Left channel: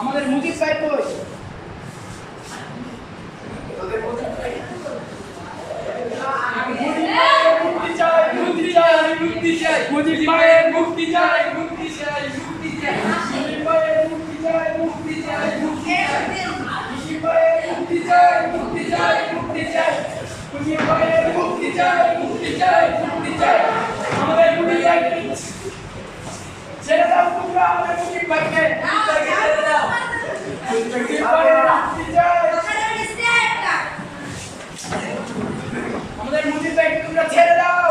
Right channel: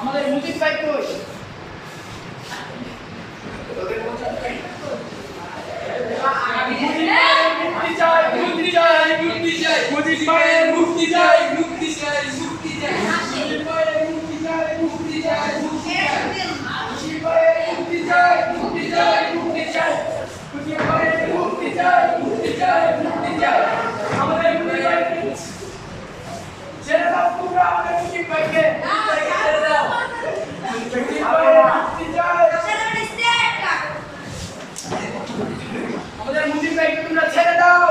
আমাদের মুজিব ভাই কই? মুক্তি চাই, মুক্তি চাই, মুক্তি চাই, মুজিব ভাইয়ের মুক্তি চাই, মুক্তি চাই, মুক্তি চাই, মুজিব ভাইয়ের মুক্তি চাই, মুক্তি চাই, মুক্তি চাই, মুজিব ভাইয়ের মুক্তি চাই, মুক্তি চাই, মুক্তি চাই, মুজিব ভাইয়ের মুক্তি চাই, মুক্তি চাই, মুক্তি চাই, আমাদের মুক্তি চাই। ছেড়ে দাও তোমরা আমাদের মুজিব ভাইকে, ছেড়ে দাও। মুজিব ভাইয়ের মুক্তি চাই। আমাদের মুজিব ভাইকে তোমরা ছেড়ে দাও।